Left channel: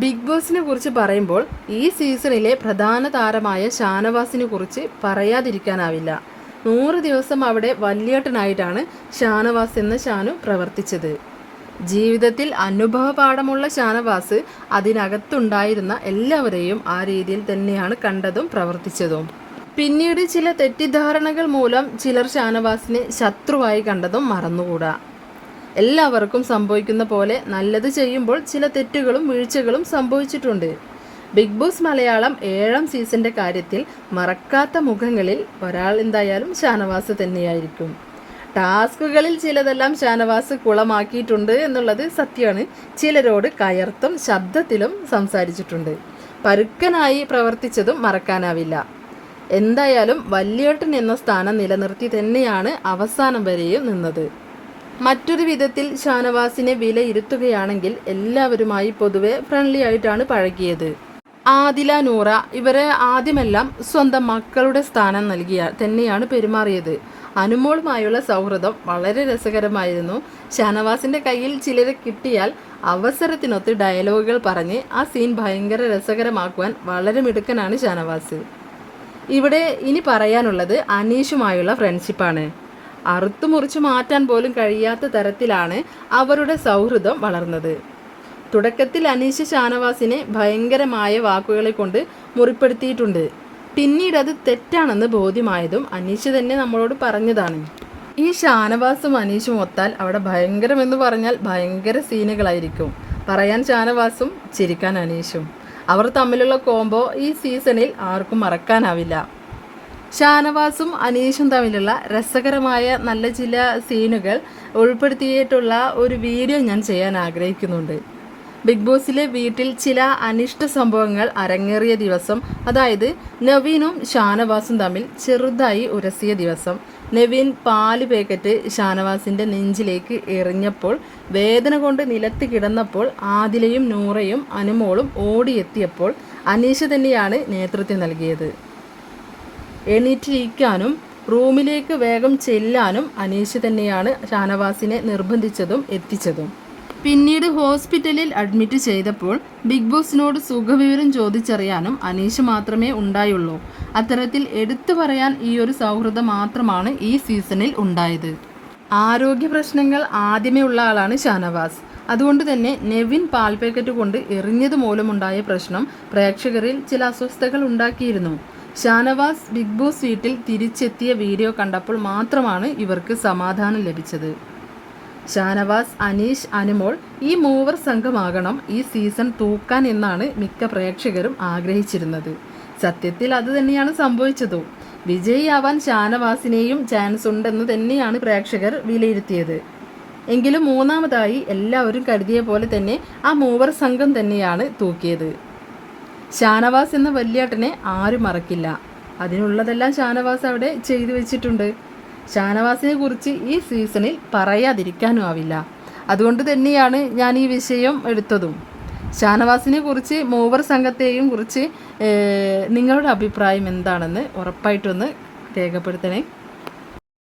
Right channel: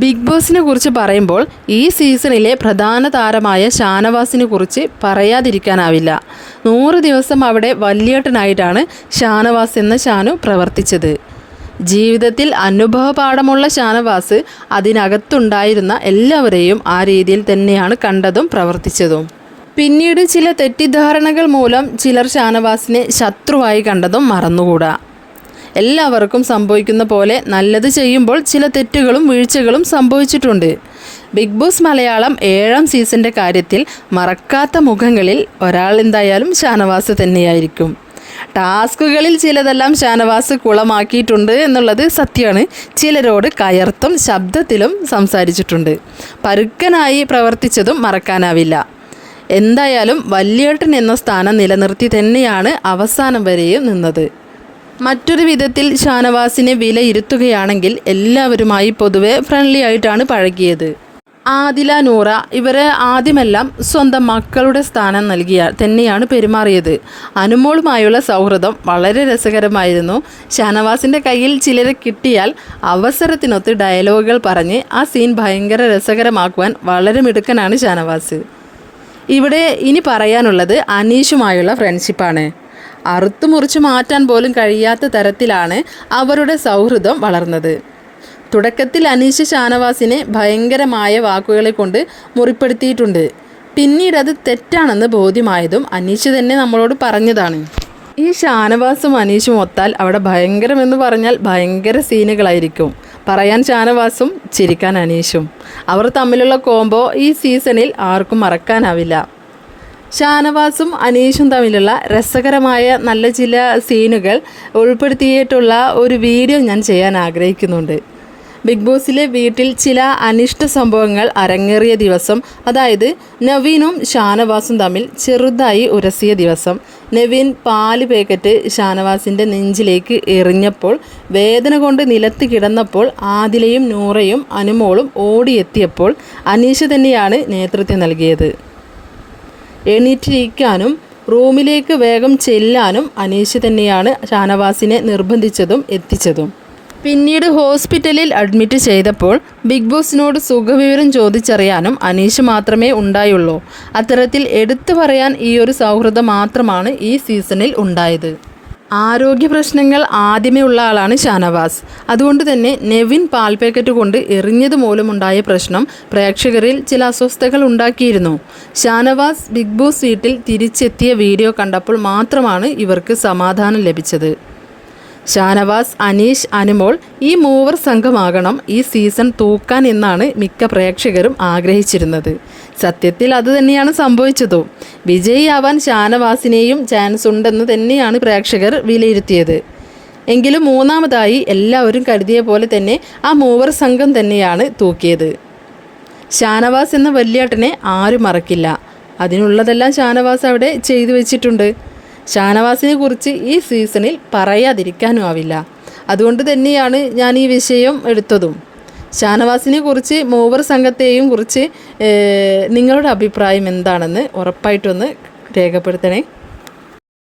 Big ബോസിനെ കുറിച്ച് പറയുമ്പോൾ ഈ സീസണിലെ പ്രധാന താരമായ ഷാനവാസിനെ കുറിച്ച് പറയാതിരിക്കാനാവില്ല. നൂറ് ദിവസം അവിടെ വല്യേട്ടനായിട്ടാണ് ഷാനവാസ് എന്ന ഷാനു പ്രവർത്തിച്ചത്. ജീവിതത്തിൽ അനുഭവ പാഠമുള്ള ഷാനവാസ് അതിനകത്തുണ്ടായിരുന്ന എല്ലാവരെയും ആ രീതിയിൽ തന്നെയാണ് കണ്ടതും പ്രവർത്തിച്ചതും. പിന്നീട് ചില തെറ്റിദ്ധാരണകൾ മൂലം ചിലർ ഷാനവാസിനെ ശത്രുവായി കണ്ടതും മറന്നുകൂടാ. എല്ലാവർക്കും സംഭവിക്കുന്ന പോലെ നല്ലത് ചെയ്യുമ്പോൾ ചില തെറ്റുകളും വീഴ്ചകളും സംഭവിച്ചിട്ടുണ്ട്. ബിഗ് ബോസ് മലയാളം ഏഴാം സീസണിന്റെ കാര്യത്തിൽ മറക്കാത്ത മുഖങ്ങളിൽ ഒരാൾ എന്തായാലും ഷാനവാസ് തന്നെയായിരിക്കും. ടാസ്കുകളിൽ ചിലതെല്ലാം ഷാനവാസ് കുളമാക്കിയിട്ടുണ്ട് എന്നുള്ളത് സത്യമാണ്. ചിലരോട് കയർത്തും ശബ്ദത്തിലും സംസാരിച്ചിട്ടുണ്ട്. പരുക്കനായി പ്രവർത്തിച്ചതും മറക്കാനാവില്ല. എന്തായാലും വല്യേട്ടൻ എന്ന സ്ഥാനം നിലനിർത്തി തന്നെയാണ് അവസാനം വരെയും നിന്നത്. മറ്റൊരു വിധത്തിൽ ഷാനവാസിനെ വിലയിരുത്തുകയാണെങ്കിൽ എല്ലാവരുമായി പൊതുവെ ഫ്രണ്ട്ലി ആയിട്ടാണ് പഴകിയത്. ആദില നൂറ ഇവരെ ആദ്യമെല്ലാം സ്വന്തം മക്കളുടെ സ്ഥാനം നൽകിയ തന്നെയാണ് പെരുമാറിയത്. അനുമോളുമായുള്ള സൗഹൃദം വളരെ രസകരമായിരുന്നു. ഷാനവാസിന്റെ കയ്യിൽ ചിലരെ കിട്ടിയാൽ അവസരത്തിനൊത്ത് ഡയലോഗുകൾ പറഞ്ഞ് ആ സീൻ ഭയങ്കര രസകരമാക്കുവാൻ വളരെ മിടുക്കനാണ് ഷാനവാസ്. ഇവിടെ ഇനി പറയാനുള്ളത് അനീഷുമായുള്ള ഫ്രണ്ട്ഷിപ്പാണ് അറുത്തു മുറിച്ച് മാറ്റാൻ പോലും കഴിയാത്ത തരത്തിലാണ് അവരുടെ സൗഹൃദം വളർന്നത്. തുടക്കത്തിൽ അനീഷ് ഷാനവാസിനെ ഭയങ്കരമായ വാക്കുകളെ കൊണ്ട് മുറിപ്പെടുത്തിയിട്ടുണ്ട്. പിന്നീട് അത് തെറ്റാണെന്ന് ബോധ്യമായതും അനീഷ് തന്നെ നമ്മളോട് പറഞ്ഞതാണ്. ഈ ഷാനവാസും അനീഷും ഒത്താൽ അവിടെ ഭയങ്കരമെന്ന് പറഞ്ഞാൽ ഭയങ്കര സീനുകളായിരിക്കും. പറയാൻ ഷാനവാസും ചിരിക്കാൻ അനീഷും. അവർ തമ്മിലുള്ള കോംബോ ഈ സീസണിൽ ആർക്കും മറക്കാനാവില്ല. ഷാനവാസും അനീഷും തമ്മിലുള്ള രസകരമായ നല്ല ചില സീനുകൾ ഉൾപ്പെടുത്തിയിട്ടുള്ള ഒരു വീഡിയോ ഞാൻ ചെയ്യാൻ ആഗ്രഹിക്കുന്നുണ്ട്. ബിഗ് ബോസിലെ വീട്ടിൽ ചില അനിഷ്ട സംഭവങ്ങൾ അരങ്ങേറിയ ദിവസം അതായത് നവീനും ഷാനവാസും തമ്മിൽ ചെറുതായി ഉരസിയ ദിവസം. നവീൻ പാൽ പാക്കറ്റ് ഷാനവാസിന്റെ നെഞ്ചിലേക്ക് എറിഞ്ഞപ്പോൾ വേദന കൊണ്ട് നിലത്ത് കിടന്നപ്പോൾ ആദിലയും നൂറയും അനുമോളും ഓടിയെത്തിയപ്പോൾ അനീഷ തന്നെയാണ് നേതൃത്വം നൽകിയത്. എണീറ്റിരിക്കാനും റൂമിലേക്ക് വേഗം ചെല്ലാനും അനീഷ് തന്നെയാണ് ഷാനവാസിനെ നിർബന്ധിച്ചതും എത്തിച്ചതും. പിന്നീട് ഹോസ്പിറ്റലിൽ അഡ്മിറ്റ് ചെയ്തപ്പോൾ ബിഗ് ബോസിനോട് സുഖവിവരം ചോദിച്ചറിയാനും അനീഷ് മാത്രമേ ഉണ്ടായുള്ളൂ. അത്തരത്തിൽ എടുത്തു പറയാൻ ഈ ഒരു സൗഹൃദം മാത്രമാണ് ഈ സീസണിൽ ഉണ്ടായത്. ആരോഗ്യ പ്രശ്നങ്ങൾ ആദ്യമേ ഉള്ള ആളാണ് ഷാനവാസ്. അതുകൊണ്ട് തന്നെ നെവിൻ പാൽ പാക്കറ്റ് കൊണ്ട് എറിഞ്ഞത് മൂലമുണ്ടായ പ്രശ്നം പ്രേക്ഷകരിൽ ചില അസ്വസ്ഥതകൾ ഉണ്ടാക്കിയിരുന്നു. ഷാനവാസ് ബിഗ് ബോസ് വീട്ടിൽ തിരിച്ചെത്തിയ വീഡിയോ കണ്ടപ്പോൾ മാത്രമാണ് ഇവർക്ക് സമാധാനം ലഭിച്ചത്. ഷാനവാസ് അനീഷ് അനുമോൾ ഈ മൂവർ സംഘമാകണം ഈ സീസൺ തൂക്കാൻ എന്നാണ് മിക്ക പ്രേക്ഷകരും ആഗ്രഹിച്ചിരുന്നത്. സത്യത്തിൽ അത് തന്നെയാണ് സംഭവിച്ചതും. വിജയിയാവാൻ ഷാനവാസിനെയും ചാൻസ് ഉണ്ടെന്ന് തന്നെയാണ് പ്രേക്ഷകർ വിലയിരുത്തിയത്. എങ്കിലും മൂന്നാമതായി എല്ലാവരും കരുതിയ പോലെ തന്നെ ആ മൂവർ സംഘം തന്നെയാണ് തൂക്കിയത്. ഷാനവാസ് എന്ന വല്യേട്ടനെ ആരും മറക്കില്ല. അതിനുള്ളതെല്ലാം ഷാനവാസ് അവിടെ ചെയ്തു വെച്ചിട്ടുണ്ട്. ഷാനവാസിനെ കുറിച്ച് ഈ സീസണിൽ പറയാതിരിക്കാനും ആവില്ല. അതുകൊണ്ട് തന്നെയാണ് ഞാൻ ഈ വിഷയം എടുത്തതും. ഷാനവാസിനെ കുറിച്ച് മൂവർ സംഘത്തെയും കുറിച്ച് നിങ്ങളുടെ അഭിപ്രായം എന്താണെന്ന് ഉറപ്പായിട്ടൊന്ന് രേഖപ്പെടുത്തണേ.